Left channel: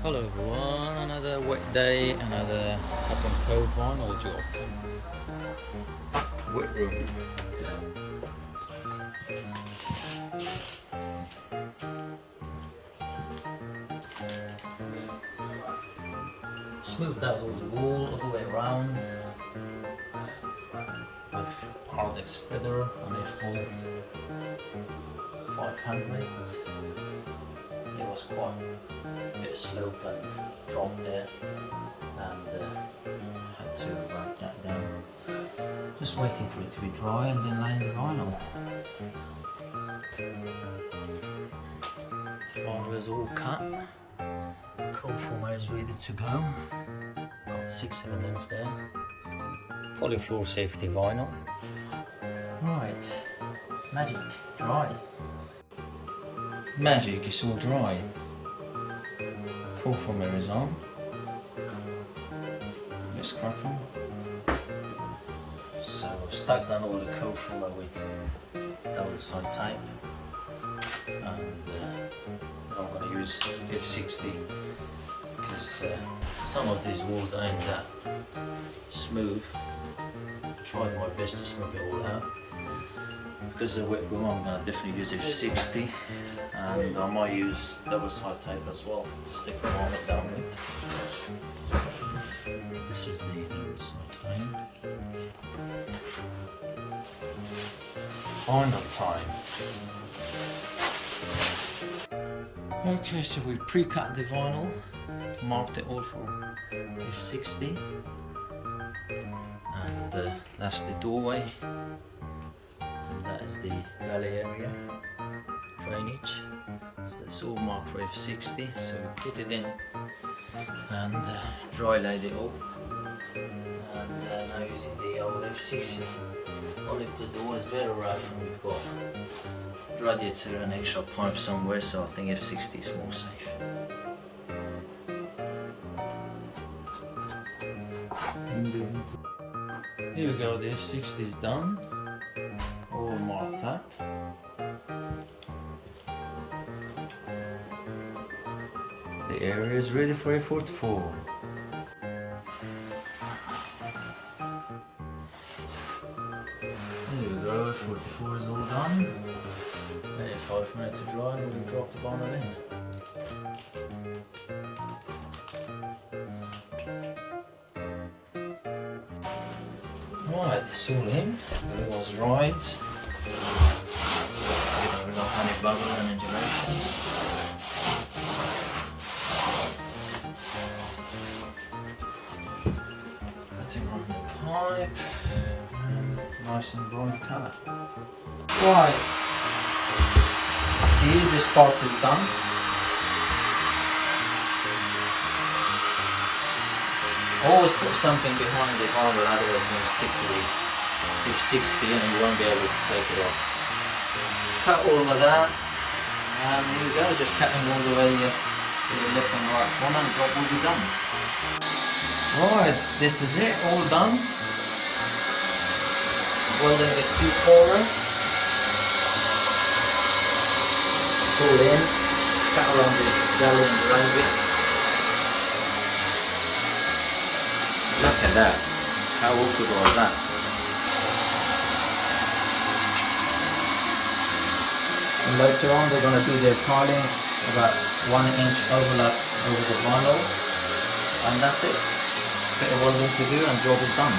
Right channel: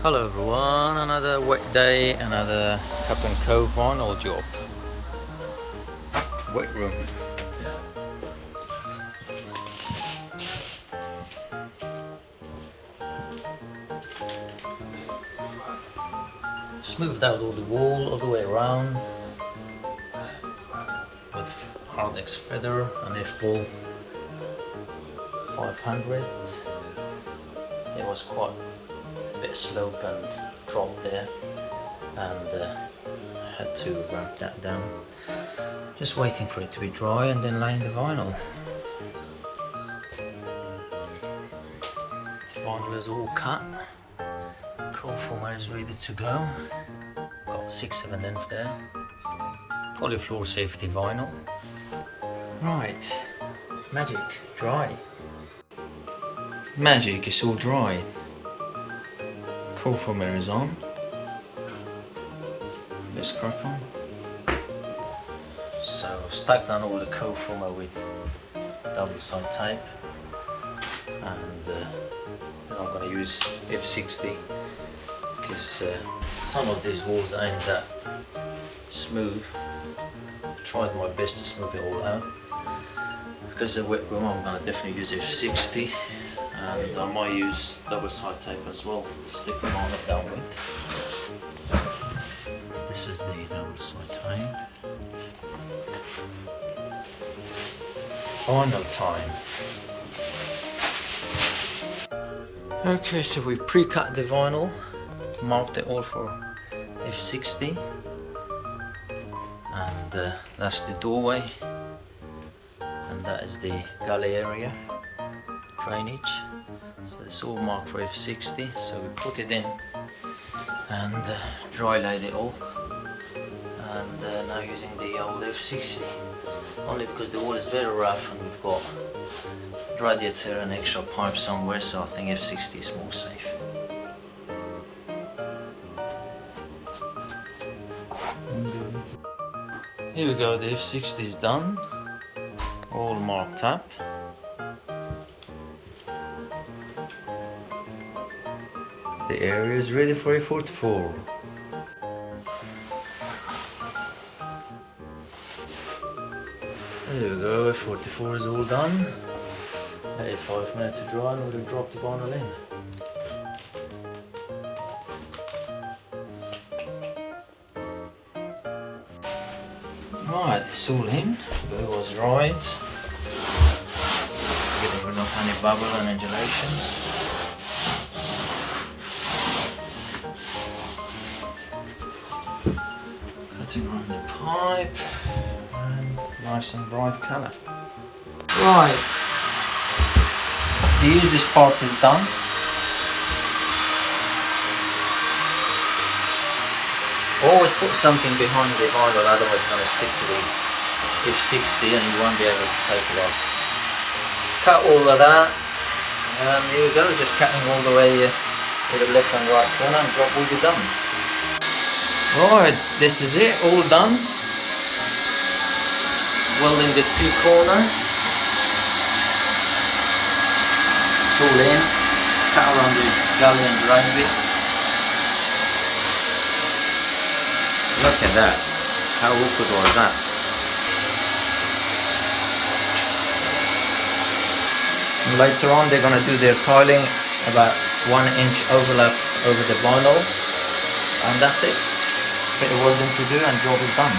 Hello everyone, another wet day, another Cup and Cove vinyl job. Wet room. Smoothed out all the wall all the way around with Hardex feather and F-ball 500. It was quite a bit slope and drop there, and had to ramp that down. Just waiting for it to be dry and then laying the vinyl. The vinyl is all cut. Cove former is ready to go. Got 6/7 length there. Polyfloor safety vinyl. Right, magic, dry. Magic is all dry. Cove former is on. Let's crack on. So I've stuck down all the Cove former with double side tape, and then I'm going to use F60 because some of these walls ain't that smooth. I've tried my best to smooth it all out. Because it's a wet room, I'm going to definitely use F60, and I might use double side tape as well to stick the vinyl down with. This is the double side tape. Final time. Okay, so we pre-cut the vinyl, marked it all for F60, and that's the doorway, and that is the galley area, drainage. So it's all marked for F60, so we put it in and dry laid it all, and now using the old F60, only because the wall is very rough and we've got radiator and extra pipe somewhere, so I think F60 is more safe. Here we go, the F60 is done, all marked up. The area is ready for A44. There we go, A44 is all done. 5 minutes to dry, and we'll drop the vinyl in. Right, it's all in. It was right. Getting rid of any bubble and undulations. Cutting around the pipe, and nice and bright colour. Right, the easiest part is done. Always put something behind the vinyl, otherwise it's going to stick to the F60 and you won't be able to take it off. Cut all of that, and here we go, just cutting all the way to the left and right corner, and job will be done. Right, this is it, all done. Welding the 2 corners. It's all in. Cut around the galley and drain bit. Look at that. How awkward was that? And later on they're going to do their tiling, about 1 inch overlap over the vinyl, and that's it. Bit of welding to do and job is done.